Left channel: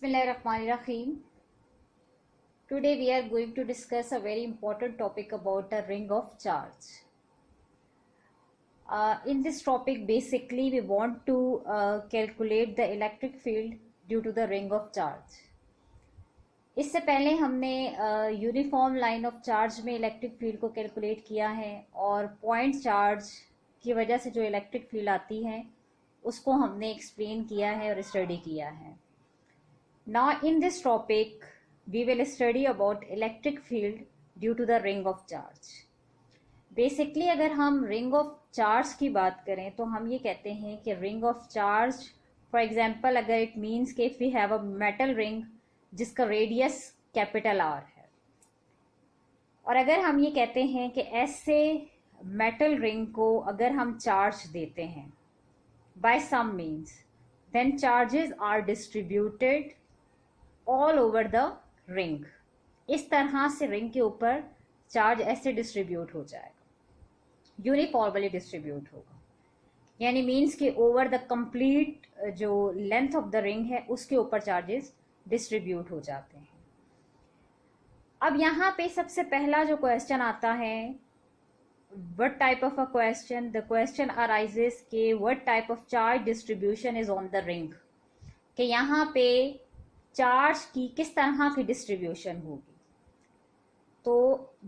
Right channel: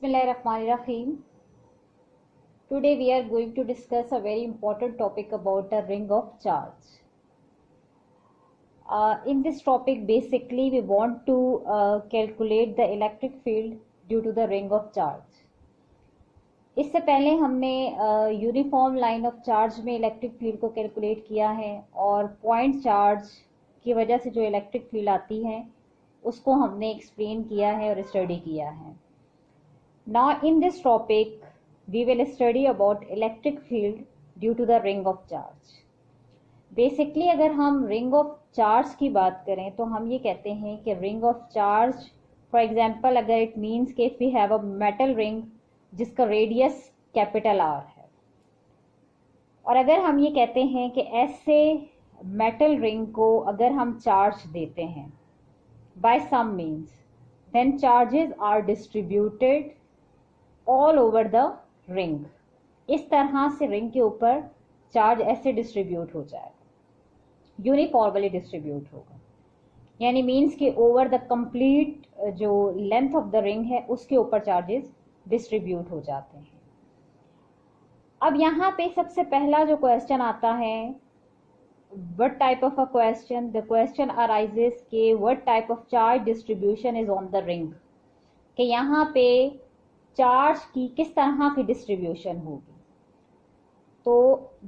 Bismillahirrahmanirrahim. Today we are going to discuss a very important topic about a ring of charge. In this topic basically we want to calculate the electric field due to the ring of charge. इससे पहले हमने uniform line of charge में electric field को calculate किया है और point charge की वजह से जो इलेक्ट्रिक फील्ड आती है उसको हमने एक्सप्लेन किया है और स्टडी किया है. Now in this topic we will study about electric field due to the ring of charge. Basically अगर हम ring of charge की बात करें तो हम ये कहते हैं कि ring of charge for example अगर it means कि if we have a metal ring जिसका रेडियस कैपिटल R है और अगर हम ये कहते हैं कि ऐसे मेटल रिंग को अगर हम चार्ज देते हैं by some means then charges are distributed all over the ring. इस तरह से रिंग के ऊपर चार्ज ऐसे डिस्ट्रीब्यूट हो जाएगा, यूनिफॉर्मली डिस्ट्रीब्यूट होगा, यानी मीन्स कि ओवर द कंप्लीट जो लेंथ ऑफ द रिंग है उसके ऊपर चार्जेस डिस्ट्रीब्यूट हो जाते हैं. अब यहाँ पे सबसे पहला जो क्वेश्चन आता है, what type of a question, the question arises के what type of charge distribution is on the ring, कि यहाँ पे चार्ज की किस तरह की डिस्ट्रीब्यूशन होगी. तो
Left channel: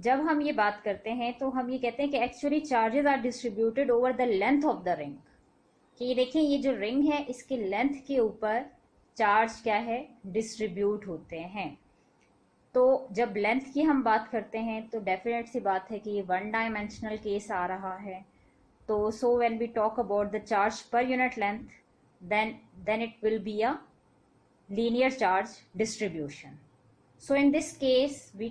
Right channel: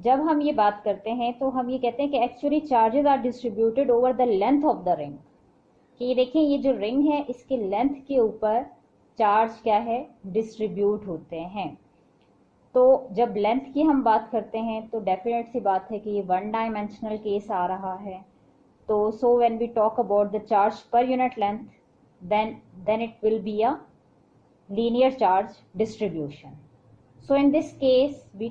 जब हम ये बात करते हैं तो हम ये कहते हैं कि actually charges are distributed over the length of the ring. कि ये देखें, ये जो रिंग है इसके लेंथ के ऊपर चार्ज क्या है, डिस्ट्रीब्यूट होते हैं. तो जब लेंथ की हम बात करते हैं तो डेफिनेट सी बात है कि ये वन डायमेंशनल केस आ रहा है. तो so when we talk about the charge per unit length then it will be a linear charge distribution. So in this case we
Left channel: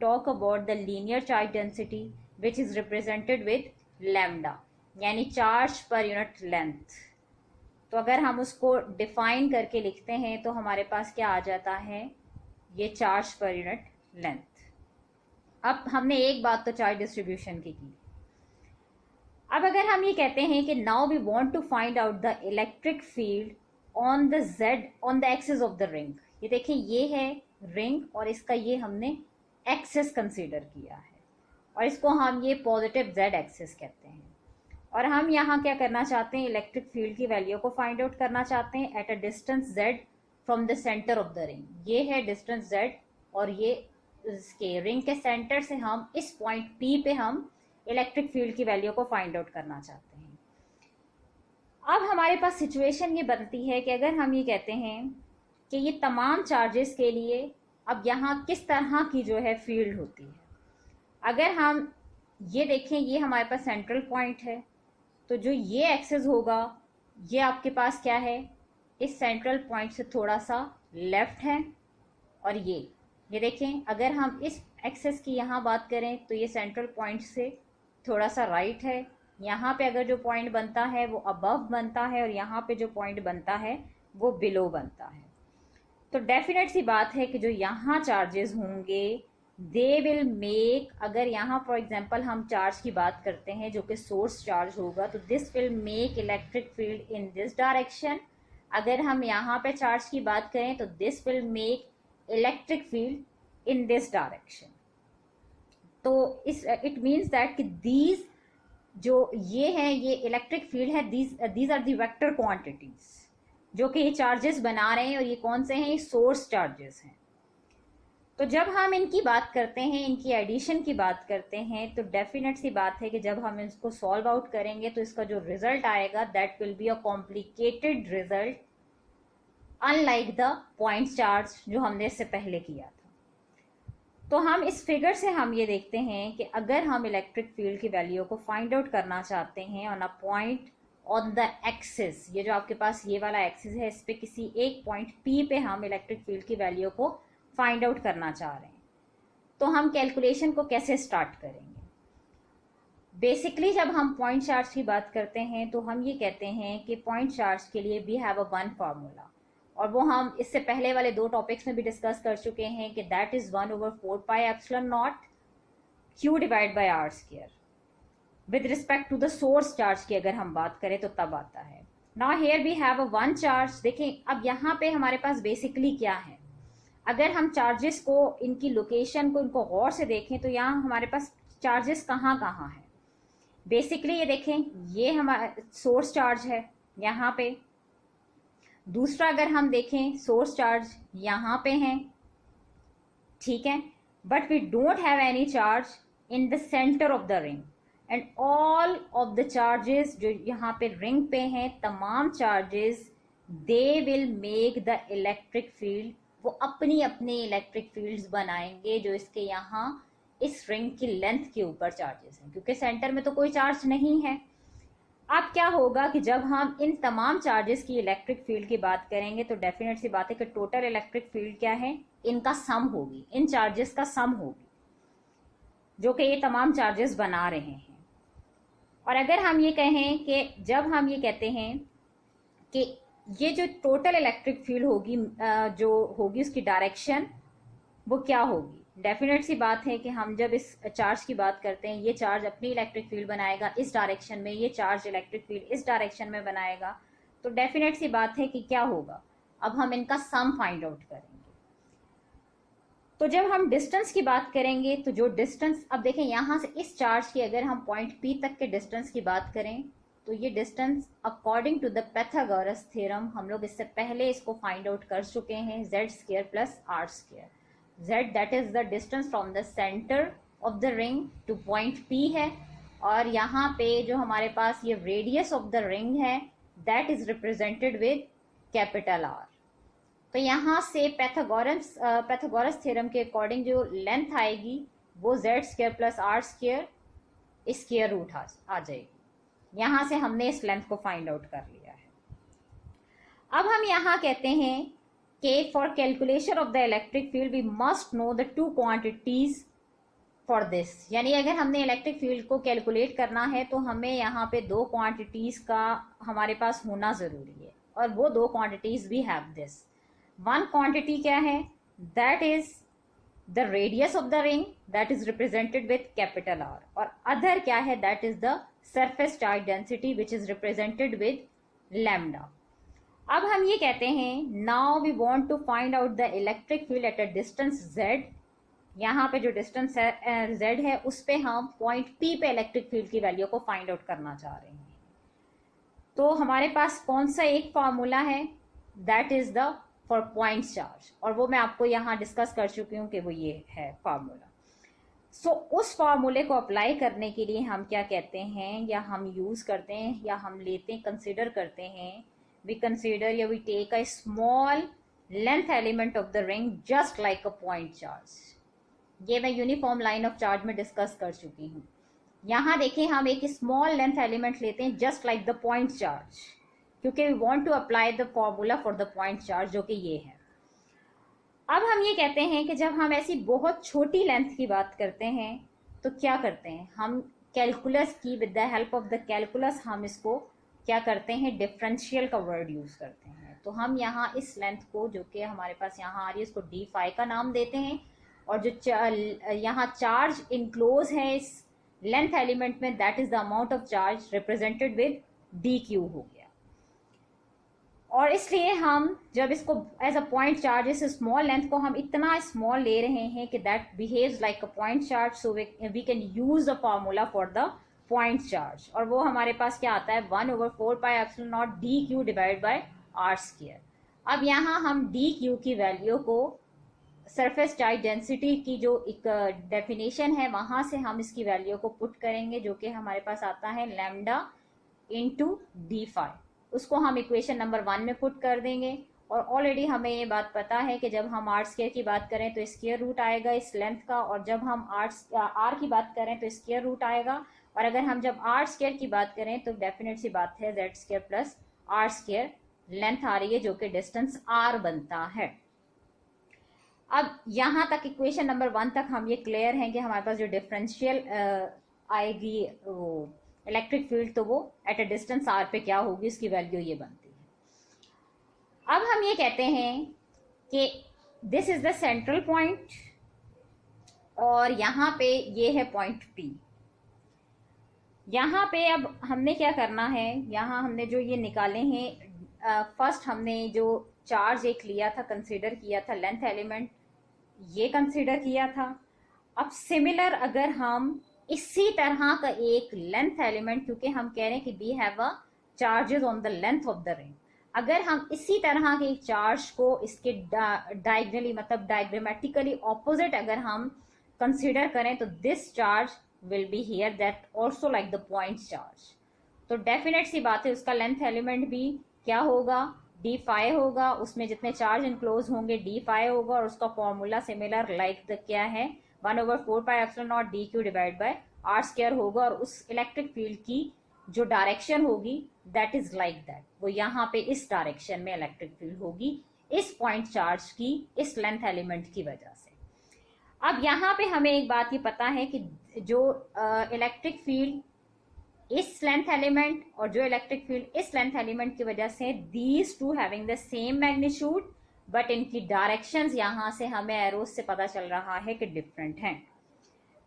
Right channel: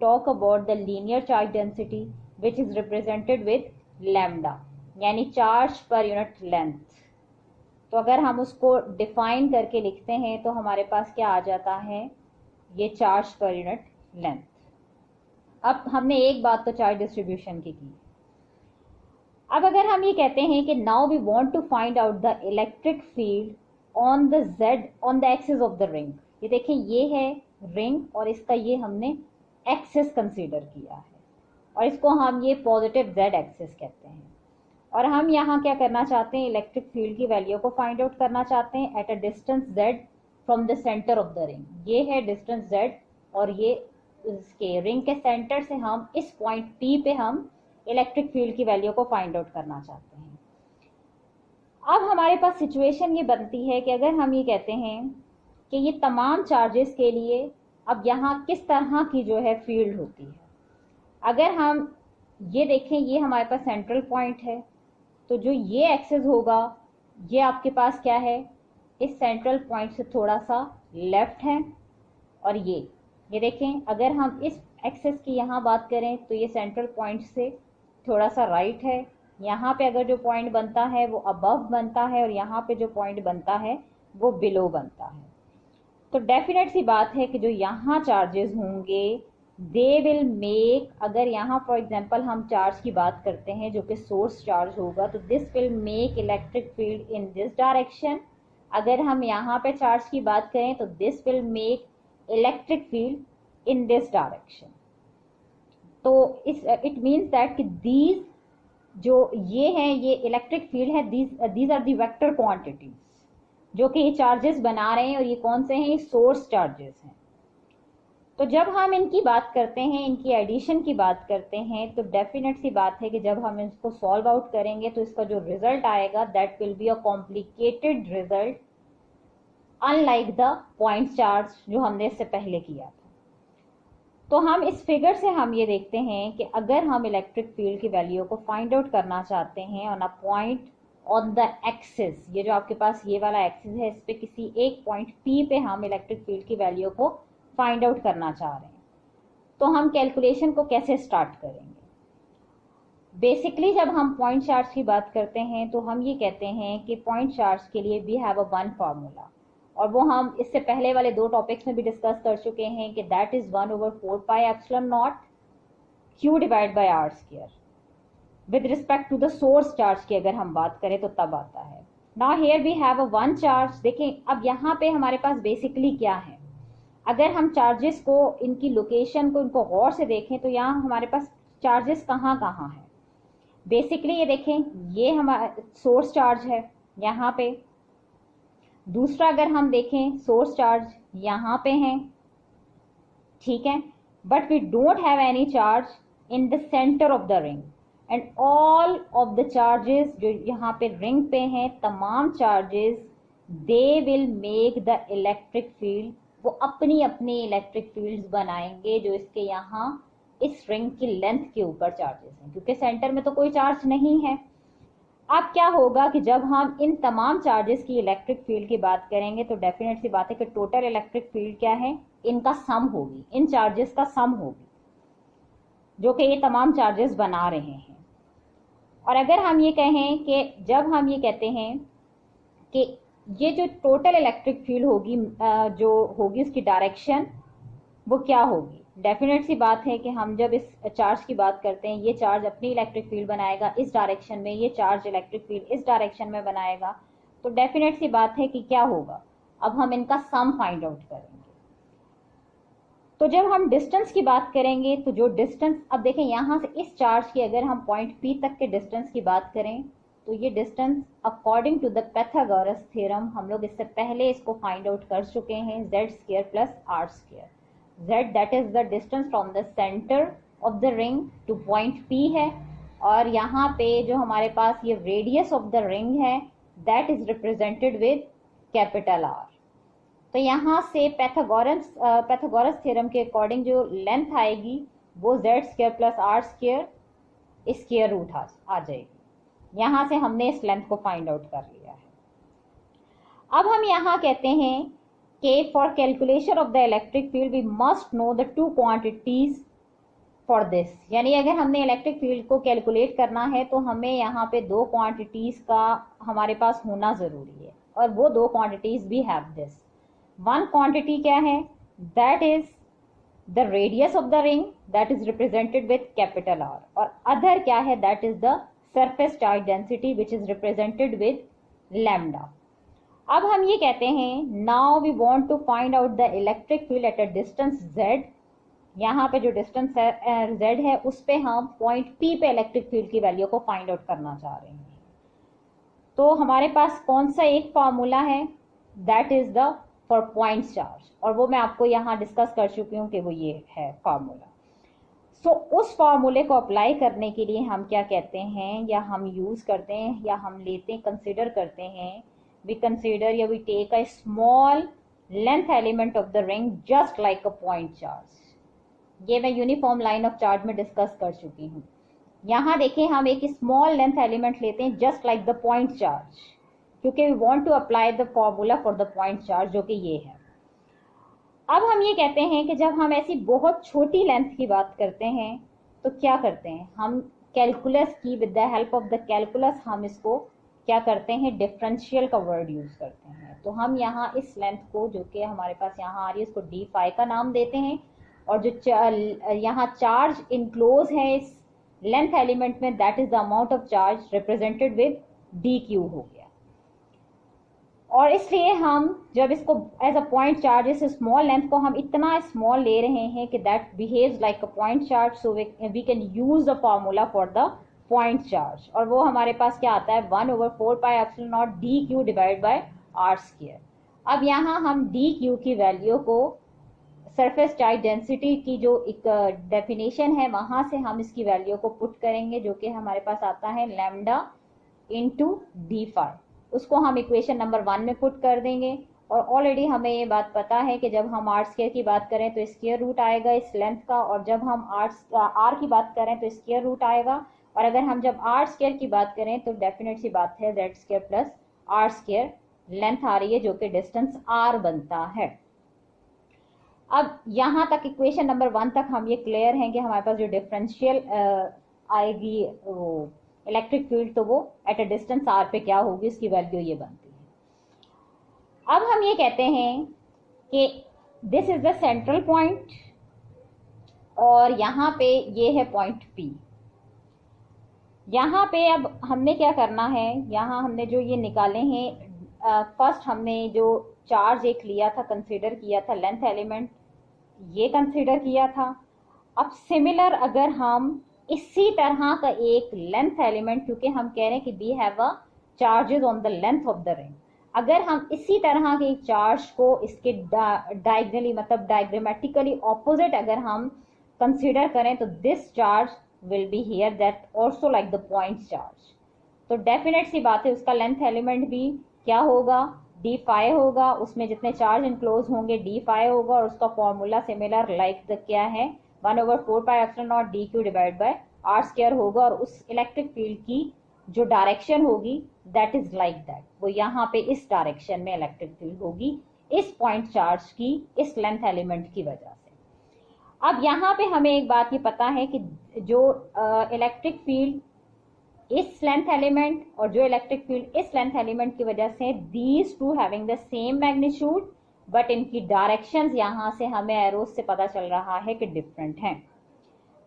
talk about the linear charge density which is represented with lambda, यानी charge per unit length. तो अगर हम उसको define करके लिखते हैं तो हमारे पास क्या आ जाता है, ये चार्ज पर यूनिट लेंथ. अब हमने एक बात तो चार्ज डिस्ट्रीब्यूशन की. अब अगर हम ये कहते हैं कि now we want to find out the electric field on the Z on the axis of the ring. ये देखें, ये है रिंग और इसका ये हमने एक्सिस कंसीडर किया है और इसको हम ये पॉजिटिव जेड एक्सिस कहते हैं. और हम यहाँ क्या करना चाहते हैं, इलेक्ट्रिक फील्ड की वैल्यू को फाइंड आउट करना चाहते हैं eight a distance z from the centre of the ring. ये है डिस्टेंस z और ये इसके रिंग के सेंटर से हम इस पॉइंट P पे हम इलेक्ट्रिक फील्ड की वैल्यू को फाइंड आउट करना चाहते हैं. अब हमारे पास सिचुएशन ये बनती है कि अगर हम ये कहते हैं कि ये तमाम चार्जेस के लिए अब यहाँ किस तरह की जो है फील्ड होती है. अगर हम ये देखें, ये हमारे पास सेंट्रल पॉइंट है, तो जो ये एक्सिस होगा ये आपके पास क्या है, इस सेंट्रल पॉइंट से थोड़ा सा लेफ्ट है. और ये देखें, अगर हम इस एक्सिस की यहाँ बात करें तो ये सेंट्रल पॉइंट से थोड़ा सा राइट है. यहाँ पे अगर जो पॉइंट बनता है वो अबव बनता है और यहाँ पे जो पॉइंट बनता है वो बिलो बनता है. तो डेफिनेट सी बात है कि जो यहाँ चार्जेस होंगे दे विल मेक, अगर यहाँ फॉर एग्जांपल हम चार्ज की बात करते हैं जो कि सोर्स चार्ज होगा, तो this will make electric field in this direction. अगर हम यहाँ पे चार्ज की बात करें तो this will make electric field in this direction. तो इट मीन्स दैट कि दीज जो ये है ये इलेक्ट्रिक फील्ड है, these are the vector quantities जो कि ये चार्जेस बना रहे हैं और ये कौन से हैं, ये सोर्स चार्जेस हैं. तो जब हम इनकी बात करते हैं, इनकी एडिशन की बात करते हैं, तो डेफिनेट सी बात है कि जब हम इसको सॉल्व आउट करेंगे तो इसका जो रिजल्ट आएगा that will be a complicated result unlike the point charge जो हमने इससे पहले किया था. तो हम इस फिगर से हम ये देखते हैं कि अगर हम इलेक्ट्रिक फील्ड की वैल्यू को फाइंड आउट करना चाहते हैं on a point on the axis, ये जो आपके पास ये वाला एक्सिस है, इस पे किसी एक पॉइंट P पे हम इलेक्ट्रिक फील्ड की वैल्यू को फाइंड आउट करना चाह रहे हैं, तो हम कैलकुलेशन को कैसे स्टार्ट करेंगे. बेसिकली जब हम पॉइंट चार्ज की बात करते हैं तो हम ये कहते हैं कि पॉइंट चार्ज के लिए we have a one formula, और वो हम इससे पहले वाले दो टॉपिक्स में भी डिस्कस कर चुके हैं कि that is 1/4 pi epsilon naught Q divide by R square. With respect to the source charge की अगर हम बात करें तो तब आता है. Now here we have a one charge. देखें अब यहाँ पे हमारे पास बेसिकली क्या है, अगर हम चार्जेस को, इनकी लोकेशन को, इनको गौर से देखें तो यहाँ हमारे पास चार्जेस कहाँ कहाँ है। बेसिकली ये देखें, ये हमारा सोर्स चार्ज है यहाँ पे। दूसरा अगर हम देखें सोर्स चार्ज यहाँ पे है, ठीक है, but we don't have any charge in the centre of the ring. And all of the charges जो यहाँ पे रिंग पे हैं, तमाम charges they will make the electric field, वो अपनी अपनी इलेक्ट्रिक फील्ड्स बनाएंगे जो इसके यहाँ इस रिंग की लेंथ के ऊपर चार्जेस हैं, क्योंकि सेंटर में तो कोई चार्ज नहीं है। अब क्या होगा कि जब हम इन तमाम चार्जेस की इलेक्ट्रिक फील्ड की बात करेंगे तो डेफिनेट सी बात है कि टोटल इलेक्ट्रिक फील्ड क्या है, इनका सम होगी, इन चार्जेस का सम होगी जो कि ये तमाम चार्जेस बना रहे हैं। और अगर हम ये कहें कि जब हम ये कहते हैं कि ये जो टोटल इलेक्ट्रिक फील्ड होगी जो होगी उसकी डायरेक्शन वो क्या होगी, डेफिनेट सी बात है कि हम जब इस चार्ज की बात करते हैं, ये चार्ज अपनी इलेक्ट्रिक फील्ड बनाएगा इस डायरेक्शन में, ये चार्ज इलेक्ट्रिक फील्ड इस डायरेक्शन में बनाएगा, तो डेफिनेट सी बात है कि क्या होगा, अब हम इनका सम फाइंड आउट करेंगे। तो जब हम डिस्टेंस की बात करेंगे तो जो डिस्टेंस, अब देखें यहाँ से इस चार्ज की अगर हम पॉइंट P तक के डिस्टेंस की बात करें तो ये distance according to the Pythagoras theorem, हम लोग इससे पहले इसको फाइंड आउट कर चुके हैं, z² plus r²। z that is the distance from the centre of the ring two point P है, और यहाँ पे जो हमारे पास ये रेडियस ऑफ द रिंग है that is represented with capital R। तो यहाँ से पैथागोरस थ्योरम के अकॉर्डिंग जो लेंथ आएगी वो z² plus r² square root आ जाएगी। यहाँ से हमने इस लेंथ को फाइंड आउट कर लिया है। अब हम यहाँ कहते हैं कि for calculation of the electric field we must know the two quantities for this, यानी अगर हमने इलेक्ट्रिक फील्ड को कैलकुलेट करना है तो हमें यहाँ पे दो क्वांटिटीज का हमारे पास होना जरूरी है, और वो दो quantities we have this. One quantity क्या है, that is the radius of the ring that is represented with capital R, और अदर क्या है, that is the surface charge density which is represented with lambda. अब हम ये कहते हैं now we want to find out the electric field at a distance z। यहाँ पे जो डिस्टेंस z है उस पे हम पॉइंट P पे इलेक्ट्रिक फील्ड की वैल्यू को फाइंड आउट करना चाह रहे हैं। तो हमारे पास कौन सा एक फॉर्मूला है, that is the for point charge, और वो मैं आपको यहाँ डिस्कस कर चुकी हूँ कि वो ये है फॉर्मूला। सो उस फॉर्मूले को अप्लाई करने के लिए हम क्या कहते हैं, या हम यूज करते हैं, या हम लेते हैं, कंसिडर करते हैं, वी कंसिडर या we take a small length element of the ring just like a point charge. ये मैं यूनिफॉर्म लाइन ऑफ चार्ज में डिस्कस कर चुकी हूँ। यहाँ देखें हम एक स्मॉल लेंथ एलिमेंट लेते हैं just like the point charge, क्योंकि we want to apply the formula for the point charge जो कि ये है। अब हम ये कहते हैं कि जब हम ऐसी बहुत छोटी लेंथ की बात करते हैं तो क्या करते हैं, हम कैलकुलस की with the help of the calculus हम इसको क्या करते हैं, डिफरेंशियल का वर्ड यूज करते हैं। तो हम यहाँ इस लेंथ को जो कि हमारे पास यहाँ आ रही है इसको d का नाम देते हैं, और जो यहाँ चार्ज इनक्लोज है इस लेंथ एलिमेंट में that is the amount of charge represented with dq हो गया। और इसलिए हम जब इसको एज अ पॉइंट चार्ज, इस स्मॉल लेंथ को हम इतना स्मॉल ले रहे हैं कि that behaves like a point charge, so we can use the formula for the point charge, और वो हमारे पास क्या आता है 1/4πε0 dq डिवाइड बाय r²। अब यहाँ हम dq की वैल्यू को सरफेस चार्ज डेंसिटी की जो एक डेफिनेशन है वहां से हम इसकी वैल्यू को पुट करेंगे, जो कि हमारे पास आता है लैम्डा इंटू d∅। उसको हम इक्वेशन नंबर 1 में पुट कर देंगे, और ऑलरेडी हमें ये बात पता है कि जब हम r² की बात करें तो स्क्वायर रूट आएगा इस लेंथ का, और जब हम r की बात करें तो स्क्वायर रूट आएगा, और अगर हम जब r² की बात करें तो डेफिनेट सी बात है z² प्लस r² लेंथ आ रही है जो कि डिस्टेंस r बनता है। अब यहाँ तक इक्वेशन नंबर 1 तक हम ये क्लियर हैं कि हमारे पास जो डिफरेंशियल आएगी वो इलेक्ट्रिक फील्ड, तो वो एट अ डिस्टेंस r पे क्या होगी, उसकी वैल्यू ये बनती है। अब हम ये कहते हैं कि this is the central point, और यहाँ पे ये है पॉइंट P। यहाँ पे अब हमने क्या करना है, यहाँ हमने जो ये निकाले हैं, फर्स्ट हमने जो चार्ज एक लिया था, कंसीडर किया था लेंथ एलिमेंट, ये कंसीडर किया था। अब सिमिलर अगर हम इसी तरह का एक लेंथ एलिमेंट, क्योंकि हम कह रहे हैं कि we have a charges on the length of the ring, अगर हम इसी तरह के चार्ज को इसके डायगनली मतलब डायग्रामेटिकली ऑपोजिट अगर हम कंसीडर करें तो this charge will be here that also like the point charge. तो डेफिनेट सी बात है उसका लेंथ एलिमेंट भी क्या होगा, डी फाइव होगा, उसमें जितने चार्ज इनक्लोज होंगे डी फाइव होगा, और उसका फॉर्मूला सिमिलर लाइक द क्या है 1/4πε0 d q divide by r square होगा, और उस इलेक्ट्रिक फील्ड की जो डायरेक्शन होगी दैट इज लाइक दैट, वो यहाँ पे इस डायरेक्शन में इलेक्ट्रिक फील्ड होगी इस पॉइंट चार्ज की इस लेंथ एलिमेंट की वजह से। अब यहाँ पे हमें एक बात ये पता है कि जो इलेक्ट्रिक फील्ड इस लेंथ एलिमेंट और जो इलेक्ट्रिक फील्ड इस लेंथ एलिमेंट की वजह से these two having the same magnitude, but इनकी डायरेक्शंस यहाँ से हमें एरोस से पता चल रहा है कि डिफरेंट हैं।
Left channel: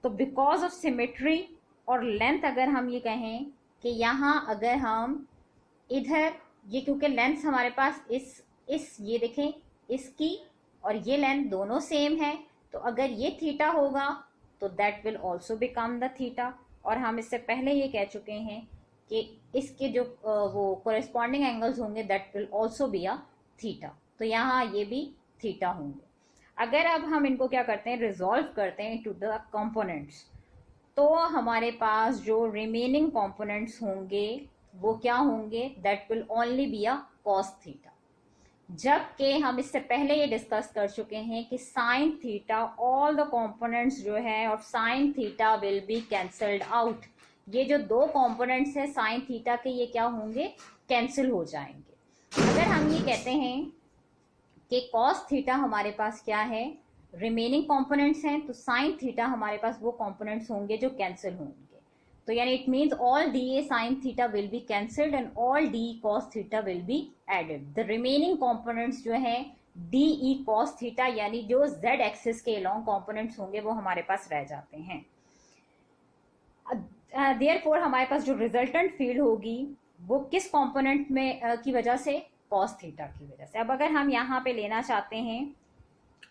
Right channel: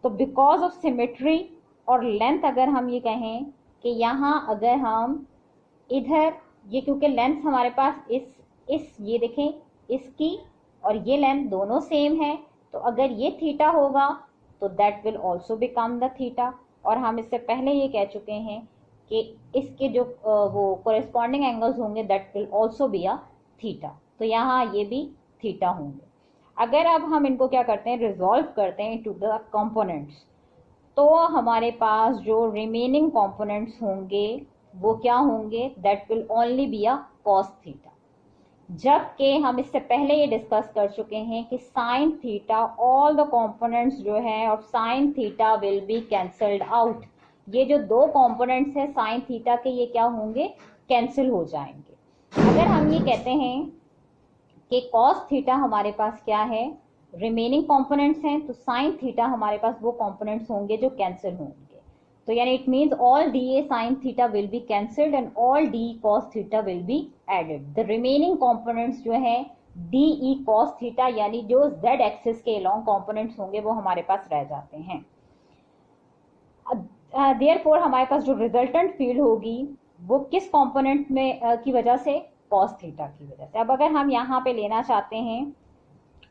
तो बिकॉज ऑफ सिमेट्री और लेंथ अगर हम ये कहें कि यहाँ अगर हम इधर ये, क्योंकि लेंथ हमारे पास इस ये देखें इसकी और ये लेंथ दोनों सेम है, तो अगर ये थीटा होगा तो that will also become the theta, और हम इससे पहले ये कह चुके हैं कि इसके जो वो कोरेस्पॉन्डिंग एंगल्स होंगे that will also be a theta, तो यहाँ ये भी थीटा होंगे। अगर अब हम इनको क्या करते हैं, रिजॉल्व करते हैं टू द कंपोनेंट्स, तो हमारे पास जो रिमेनिंग कंपोनेंट्स होंगे वो क्या होंगे, that will only be a cos theta, जबकि हम इससे पहले ये डिस्कस कर चुके हैं कि sine theta all the components जो है और sign theta will be cancelled out, ये जो दो कंपोनेंट्स है साइन थीटा के ये क्या होंगे, कैंसिल हो जाएंगे। अगर हम ये कहते हैं कि कॉस थीटा हमारे पास क्या है, रिमेनिंग कंपोनेंट्स हैं, तो साइन थीटा हमारे पास वो कंपोनेंट्स होंगे जो कैंसिल होंगे, तो यानी it means all D A sine theta will be cancelled and all D cos theta will be added. The remaining components जो है डी ई कॉस थीटा यानी जो जेड एक्सिस के अलोंग कंपोनेंट्स होंगे वो हमारे पास रह जाते हैं। देयरफॉर हमारे पास जो रिजल्टेंट फील्ड होगी वो किस कंपोनेंट में की वजह से, कॉस थीटा की वजह से। अब अगर हम यहाँ पे लेना चाहते हैं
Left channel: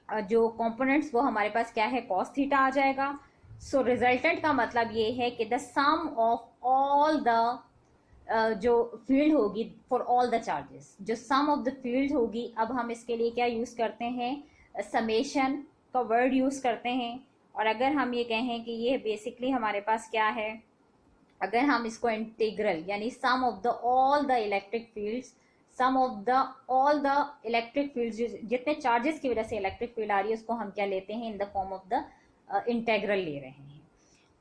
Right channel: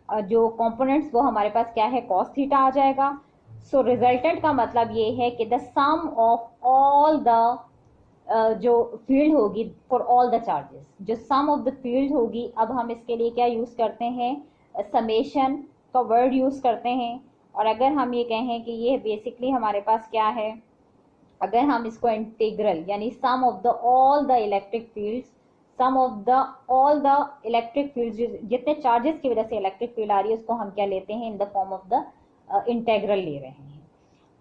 जो कंपोनेंट्स वो हमारे पास क्या है, कॉस थीटा आ जाएगा। सो रिजल्टेंट का मतलब ये है कि the sum of all the जो फील्ड होगी फॉर ऑल द चार्जेस, जो सम ऑफ द फील्ड होगी, अब हम इसके लिए क्या यूज करते हैं, समेशन का वर्ड यूज करते हैं। और अगर हम ये कहें कि ये बेसिकली हमारे पास क्या है, अगर हम इसको इंटीग्रल यानी sum of the all the electric fields, sum of the all the electric fields, जितने चार्जेस की वजह से इलेक्ट्रिक फील्ड आ रही है उसको हम क्या लेते हैं, in the form of the integral ले रहे हैं।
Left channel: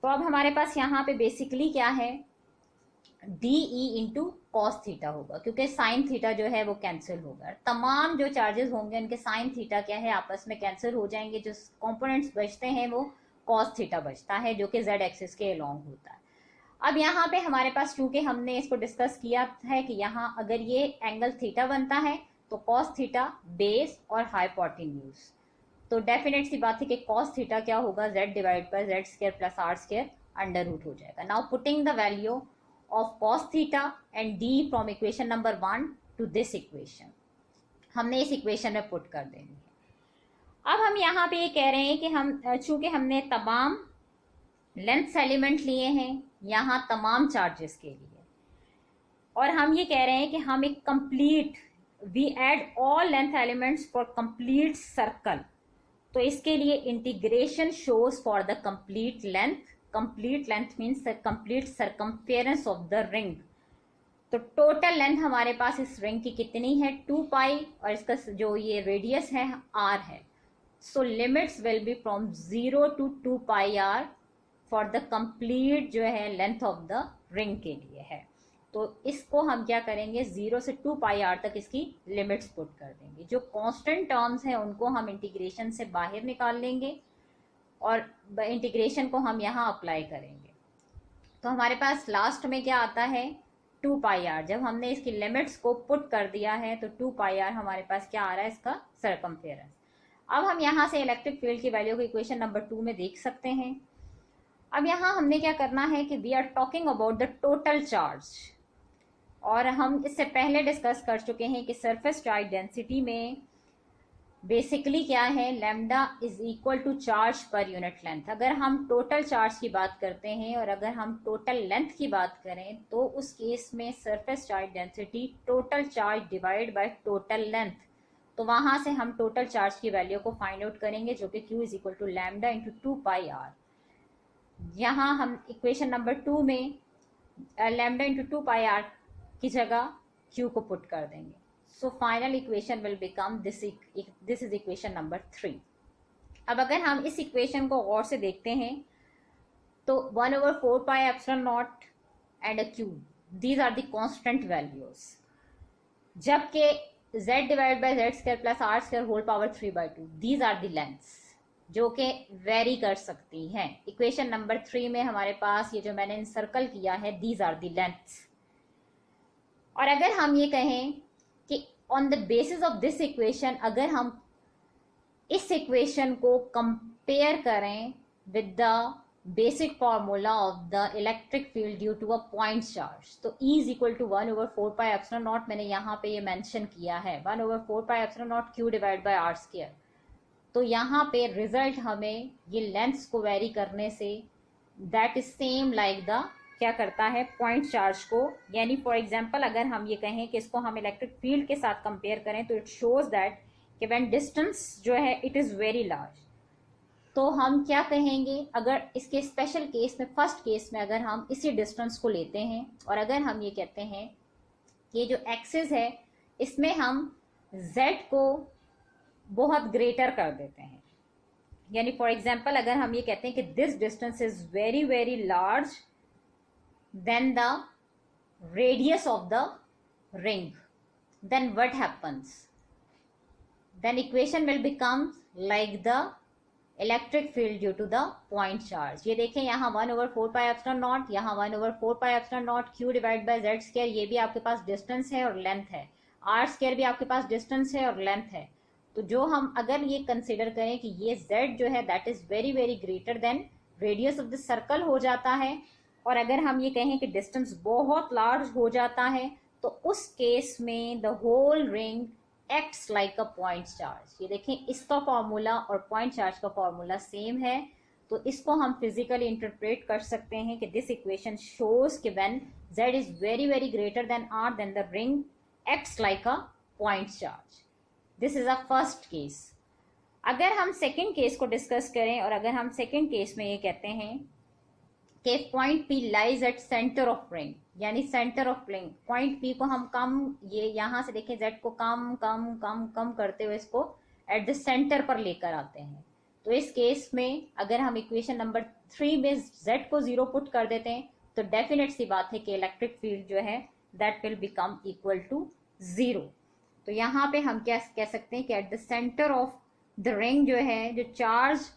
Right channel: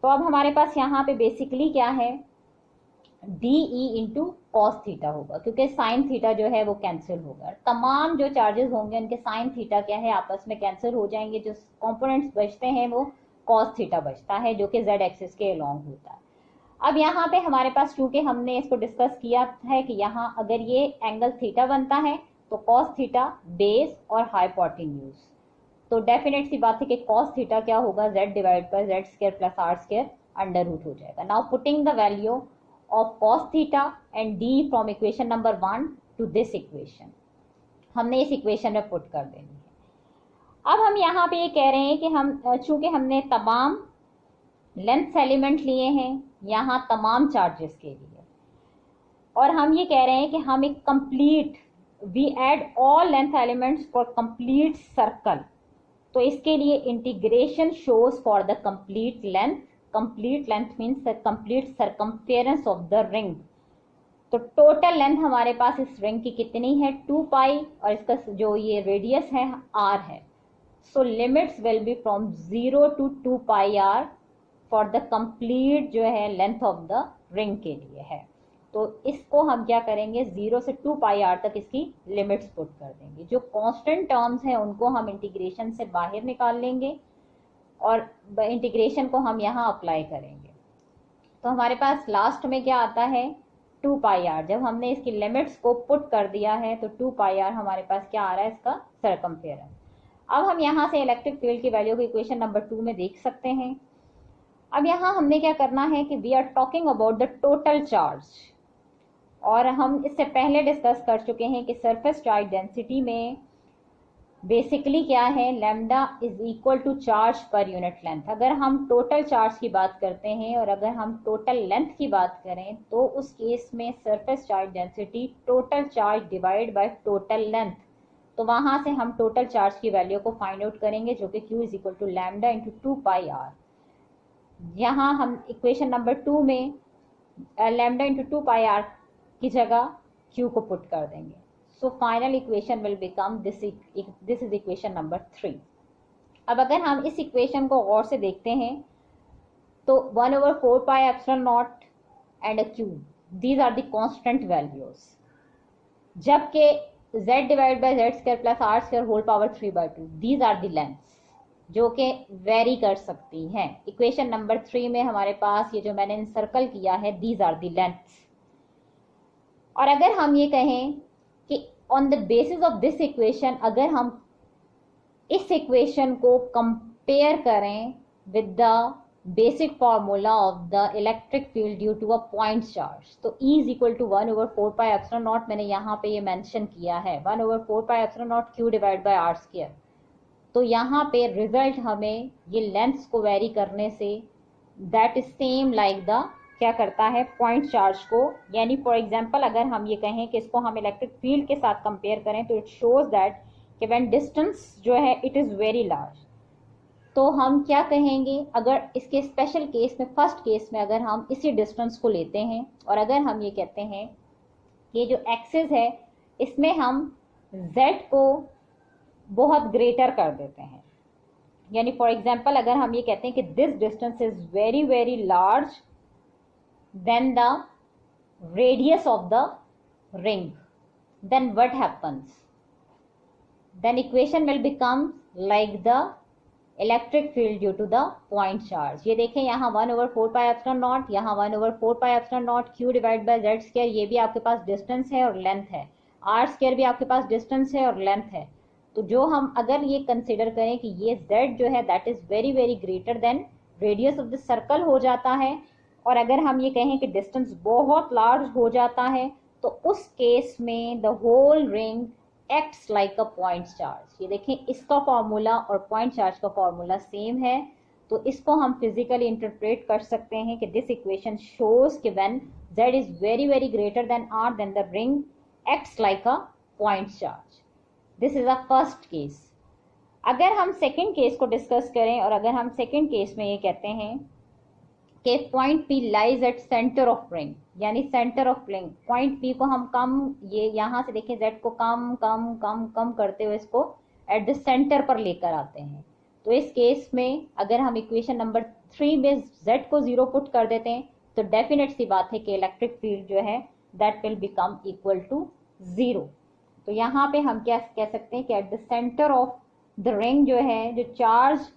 तो अब हमारे पास यहाँ पे बेसिकली क्या है, D E into cos theta होगा, क्योंकि साइन थीटा जो है वो कैंसिल होगा, तमाम जो चार्जेस होंगे उनके साइन थीटा क्या है आपस में कैंसिल हो जाएंगे, जो कंपोनेंट्स बचते हैं वो कॉस थीटा बचता है जो कि जेड एक्सिस के अलोंग होता है। अब यहाँ पे हमारे पास क्योंकि हमने इसको डिस्कस किया है कि यहाँ अगर ये एंगल थीटा बनता है तो कॉस थीटा बेस और हाइपोटेन्यूज, तो डेफिनेट सी बात है कि कॉस थीटा क्या होगा, z divide by Z square plus R square under root हो जाएगा। Now putting the value of cos theta and D from equation number 1 to this equation, हमने इस इक्वेशन में पुट कर देंगे। अब हम यहाँ पे ये कह रहे हैं कि हम चूंकि हमने तमाम लेंथ एलिमेंट लिए हैं यहाँ तमाम चार्जेस के लिए, और हम ये कह रहे हैं कि हम एक complete we add all length elements for complete circle, तो इसके लिए integration shows for the complete length, complete length means complete circumference of the ring. तो टोटल लेंथ हमारे पास इस रिंग की कितनी है, 2 पाई, और इसका जो ये रेडियस है r है। So limits will be from 0 to 2 pi r for the complete जो है लेंथ ऑफ द रिंग के लिए है। तो इसको हम क्या करेंगे, 0 से 2 पाई r तक इसकी लिमिट्स पुट कर देंगे। जो कांस्टेंट टर्म्स हैं उनको हम इंटीग्रेशन से बाहर निकाल लेंगे और इंटीग्रेशन को हम यहाँ अप्लाई करेंगे। तो हमारे पास लास्ट में क्या आता है, 2 पाई r। जब हमने इसकी लिमिट्स को पुट कर दिया है तो 2 पाई r हमारे पास क्या आ रहा है, इसका सरकमफेरेंस। अब हम यहाँ से इलेक्ट्रिक फील्ड की वैल्यू को इक्वेशन नंबर 2 में देख सकते हैं। अब यहाँ हमने क्या करना है कि we are talking about the total charge, और हम इससे पहले डिस्कस कर चुके हैं कि सरफेस चार्ज डेंसिटी में बेसिकली क्या है, lambda is equal to charge per unit length. अगर हम टोटल चार्ज की बात करते हैं और अगर हम टोटल लेंथ की बात करें तो उस केस में surface charge density total charge divide by total length, तो वहां से हम टोटल चार्ज की वैल्यू को फाइंड आउट करेंगे जो कि Q is equal to lambda into 2πr। यहाँ हम इक्वेशन नंबर 2 में लैम्डा इंटू 2πr की जगह Q को पुट कर देंगे। So final equation will become this is equation number 3। अब अगर हम इस इक्वेशन को और से देखते हैं तो 1/4πε0 and a q, these are the constant values, जबकि z divide by z square plus r square whole power 3/2, these are the lengths जो कि वेरी कर सकती हैं। इक्वेशन नंबर 3 में हमारे पास ये जो मैंने सर्कल किया है, these are the lengths। और अगर हम ये कहें कि on the basis of this equation, अगर हम इस इक्वेशन को कंपेयर करें with the basic formula of the electric field due to a point charge, तो E इज इक्वल टू 1/4πε0, मैंने यहाँ पे ये मेंशन किया है 1/4πε0 Q divide by r square. तो यहाँ पे रिजल्ट हमें ये लेंथ्स को वेरी करने say that is same like the क्या करता है, पॉइंट चार्ज को। यानी फॉर एग्जांपल अगर हम ये कहें कि इसको हम इलेक्ट्रिक फील्ड के साथ कंपेयर करें तो इट शोज दैट कि व्हेन डिस्टेंस जो है इट इज़ वेरी लार्ज, तो हम क्या कहेंगे, अगर इसके स्पेशल केस में फर्स्ट केस में अगर हम इसी डिस्टेंस को लेते हैं और अगर हम ये कहते हैं कि जो एक्सिस है इसमें हम z को बहुत ग्रेटर कर देते हैं, यानी फॉर एग्जांपल अगर हम ये कहते हैं कि this distance is very very large than the radius of the ring, then what happens? Then equation will become like the electric field due to the point charge। ये देखें यहाँ 1/4πε0, यहाँ 1/4πε0 Q divide by z square, ये भी आपके पास distance है और length है, r स्क्वायर भी आपके पास डिस्टेंस है और लेंथ है। तो जो हम अगर ये कंसिडर करें कि ये z जो है that is very very greater then radius of the circle हो जाता है, और अगर हम ये कहें कि डिस्टेंस बहुत लार्ज हो जाता है तो उस केस में the whole ring acts like a point charge. ये देखें इसका फॉर्मूला और पॉइंट चार्ज का फॉर्मूला सेम है, तो इसको हम फिजिकली इंटरप्रेट कर सकते हैं कि दिस इक्वेशन शोज कि when z is very very greater than r then the ring acts like a point charge. This is a first case. अगर हम सेकेंड केस को डिस्कस करें और अगर हम सेकेंड केस में ये कहते हैं कि point P lies at centre of ring, यानी centre of ring, point P को हम कम, ये यहाँ से देखें Z को कम कम कम कम करते हुए इसको एट द सेंटर पर लेकर आते हैं। तो इस केस में अगर हम इक्वेशन नंबर 3 में Z को 0 पुट कर देते हैं तो डेफिनेट सी बात है कि इलेक्ट्रिक फील्ड जो है that will become equal to 0। तो यहाँ पे हम क्या कह सकते हैं कि at the centre of the ring जो है, जो चार्ज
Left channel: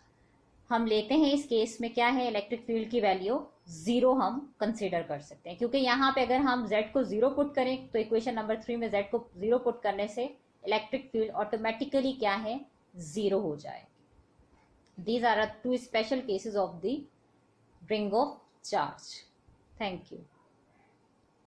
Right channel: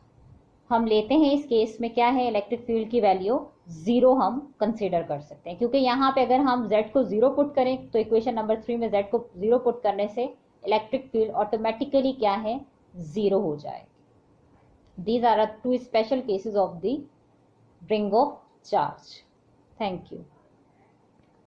हम लेते हैं इस केस में क्या है, इलेक्ट्रिक फील्ड की वैल्यू 0 हम कंसीडर कर सकते हैं, क्योंकि यहाँ पे अगर हम z को 0 पुट करें तो इक्वेशन नंबर 3 में z को 0 पुट करने से इलेक्ट्रिक फील्ड ऑटोमेटिकली क्या है, 0 हो जाएगी। These are 2 special cases of the ring of charge. Thank you.